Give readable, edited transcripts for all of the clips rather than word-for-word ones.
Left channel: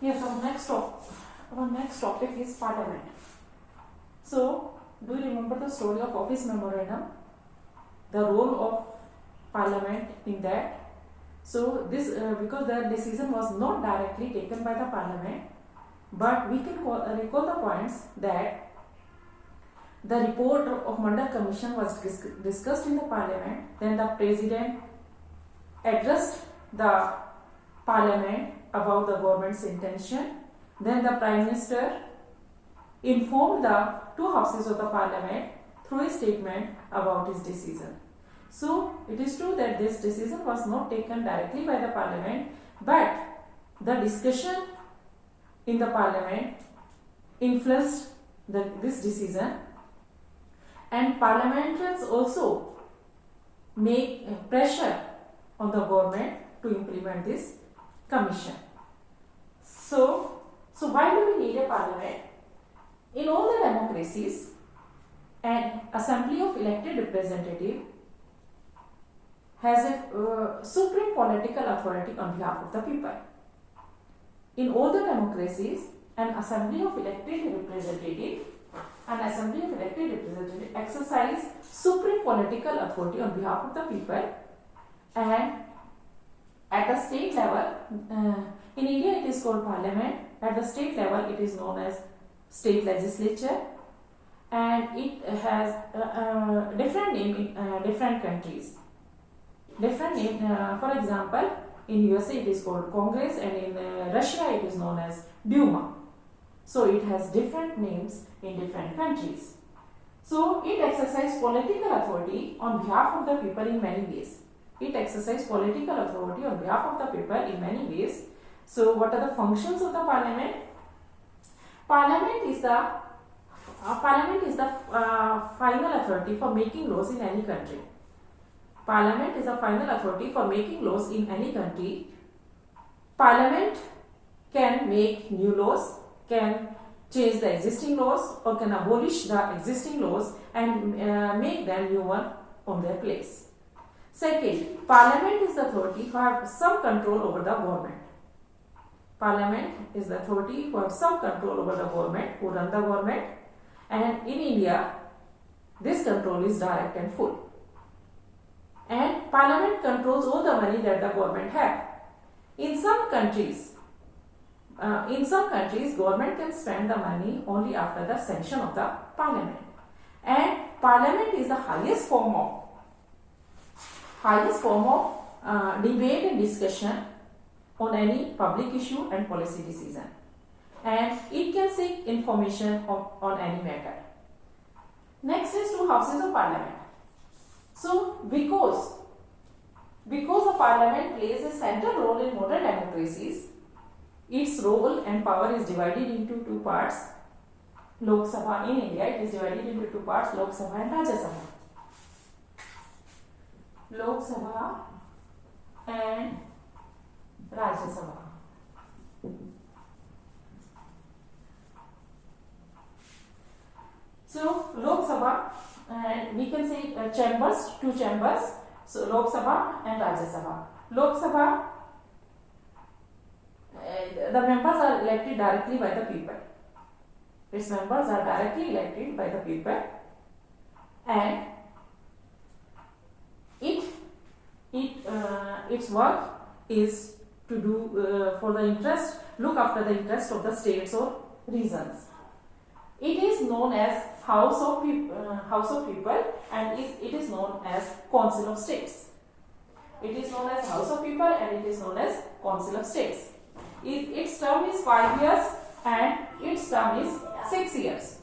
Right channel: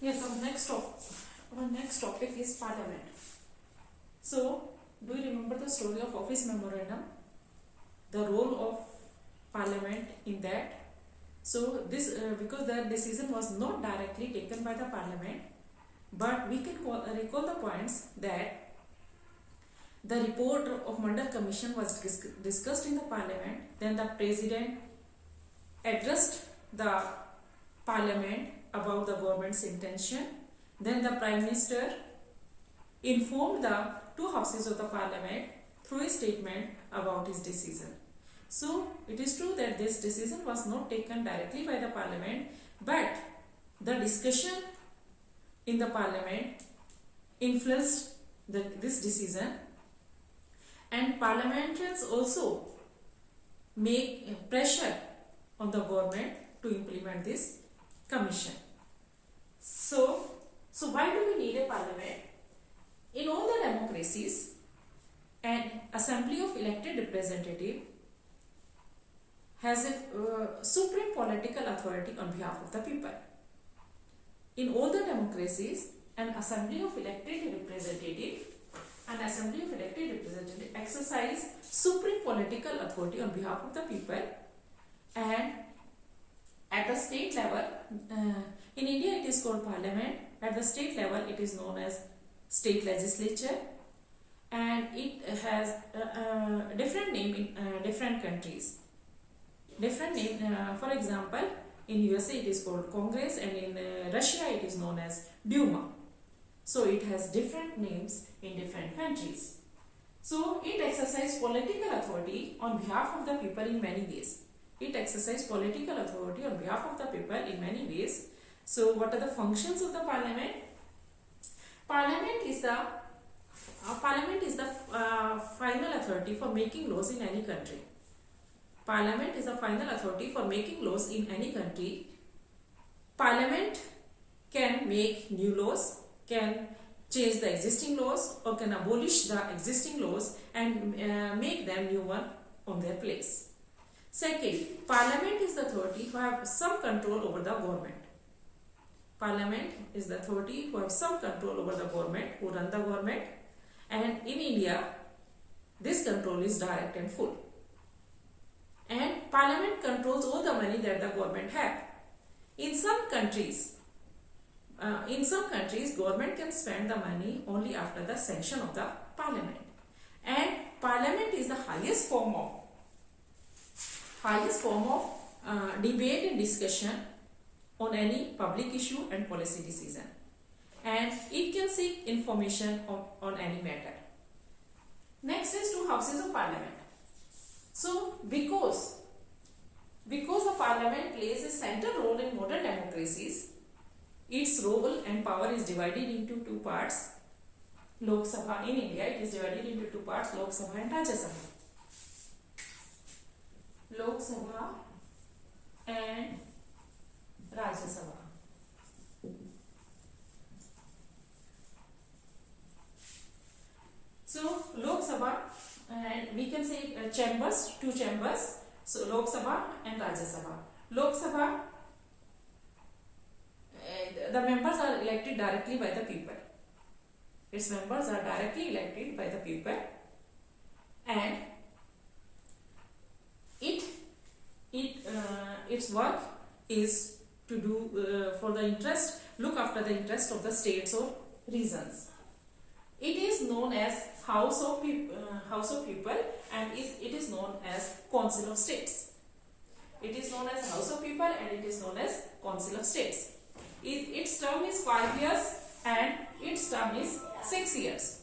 Yes, our next topic is Parliament. So, do you remember the story of Office Memorandum? The role of Parliament in that. So, this because the decision was not directly taken by the Parliament, but we can recall the points that the report of Mandal Commission was discussed in the Parliament. Then the President addressed the Parliament about the government's intention. Then the Prime Minister informed the two houses of the Parliament through a statement about his decision. So, it is true that this decision was not taken directly by the Parliament, but the discussion in the Parliament influenced this decision, and parliamentarians also make pressure on the government to implement this commission. So why do we need a parliament? In all the democracies, an assembly of elected representatives has a supreme political authority on behalf of the people. In all the democracies, an assembly of elected representatives exercise supreme political authority on behalf of the people, and at the state level, in India it is called parliament. At the state level it is known as state legislature, and it has a different name in different countries. Different name, for example, in USA it is called Congress, and in Russia it is known as Duma. So it has different names in different countries. So it exercises political authority on behalf of the people in many ways. It exercises political authority on behalf of the people in many ways. So what are the functions of the parliament? Parliament is the final authority for making laws in any country. Parliament is the final authority for making laws in any country. Parliament can make new laws, can change the existing laws, or can abolish the existing laws and make them new one on their place. Second, Parliament is the authority who have some control over the government. Parliament is the authority who have some control over the government, who run the government, and in India, this control is direct and full. And Parliament controls all the money that the government have. In some countries, government can spend the money only after the sanction of the Parliament. And Parliament is the highest form of debate and discussion on any public issue and policy decision. And it can seek information on any matter. Next is two houses of Parliament. So, because the Parliament plays a central role in modern democracies, its role and power is divided into two parts. Lok Sabha in India, it is divided into two parts, Lok Sabha and Rajya Sabha. Lok Sabha and Rajya Sabha. So, Lok Sabha, and we can say chambers, two chambers. So, Lok Sabha and Rajya Sabha. Lok Sabha, the members are elected directly by the people. Its members are directly elected by the people, and its work is to do look after the interest of the states or regions. It is known as House of People, and it is known as Council of States. It is known as House of People, and it is known as Council of States. Its term is 5 years, and its term is 6 years.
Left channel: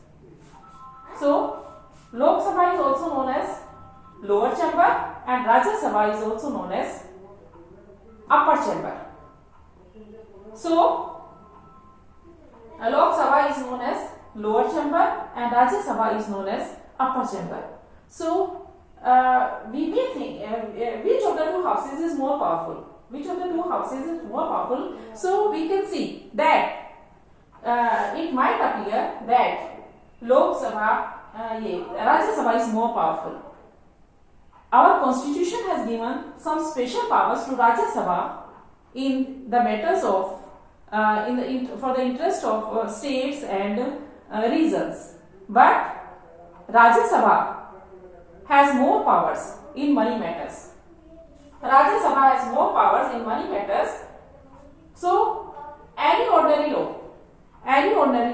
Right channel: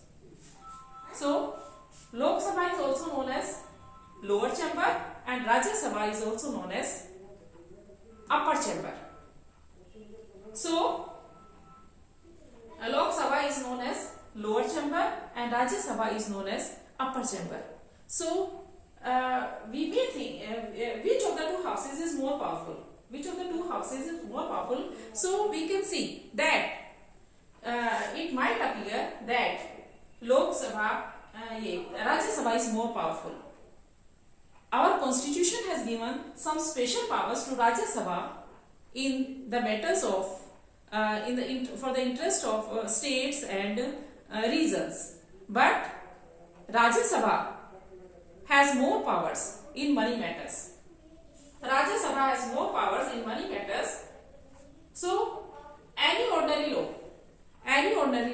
So, Lok Sabha is also known as lower chamber, and Rajya Sabha is also known as upper chamber. So, Lok Sabha is known as lower chamber, and Rajya Sabha is known as upper chamber. So, we may think which of the two houses is more powerful. So, we can see that it might appear that Lok Sabha, Rajya Sabha is more powerful. Our constitution has given some special powers to Rajya Sabha in the matters of for the interest of states and regions. But Rajya Sabha has more powers in money matters. Rajya Sabha has more powers in money matters. So any ordinary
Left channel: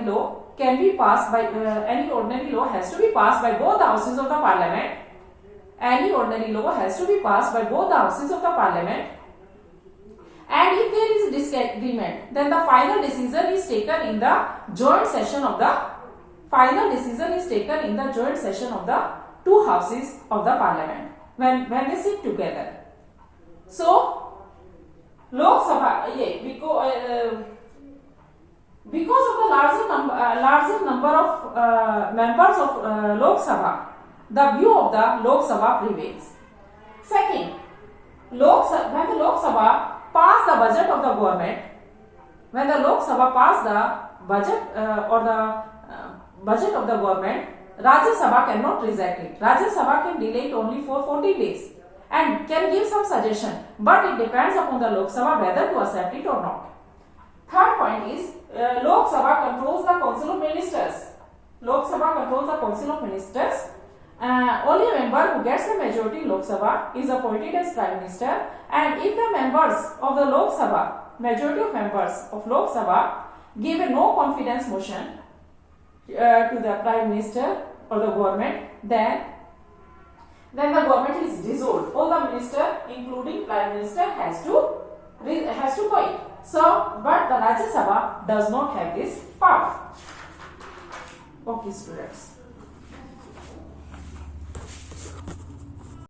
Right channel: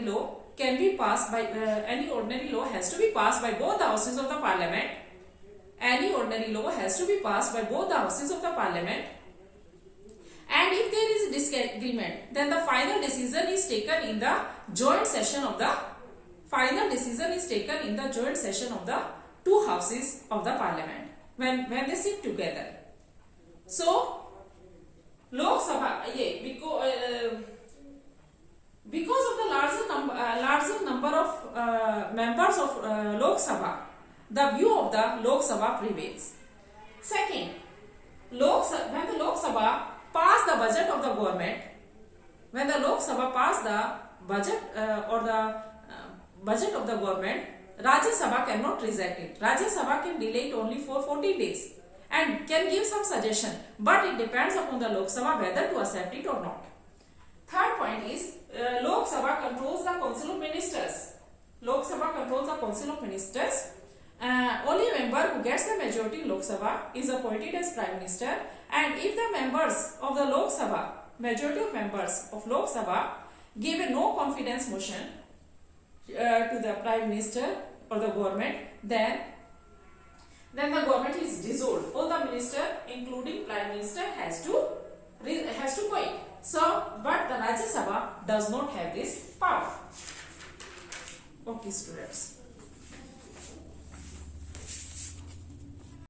law can be passed by any ordinary law has to be passed by both the houses of the parliament. Any ordinary law has to be passed by both the houses of the parliament. And if there is a disagreement, then the final decision is taken in the joint session of the two houses of the parliament when they sit together. So Lok Sabha, because of the larger number of members of Lok Sabha, the view of the Lok Sabha prevails. Second, when the Lok Sabha pass the budget of the government, when the Lok Sabha pass the budget budget of the government, Rajya Sabha cannot reject it. Rajya Sabha can delay it only for 40 days and can give some suggestion, but it depends upon the Lok Sabha whether to accept it or not. Third point is Lok Sabha controls the Council of Ministers. Lok Sabha controls the Council of Ministers. Only a member who gets the majority in Lok Sabha is appointed as Prime Minister, and if the members of the Lok Sabha, majority of members of Lok Sabha, give a no confidence motion to the Prime Minister or the government, then the government is dissolved. All the minister, including Prime Minister, has to quit. So, but the Rajya Sabha does not have this power. Okay, students.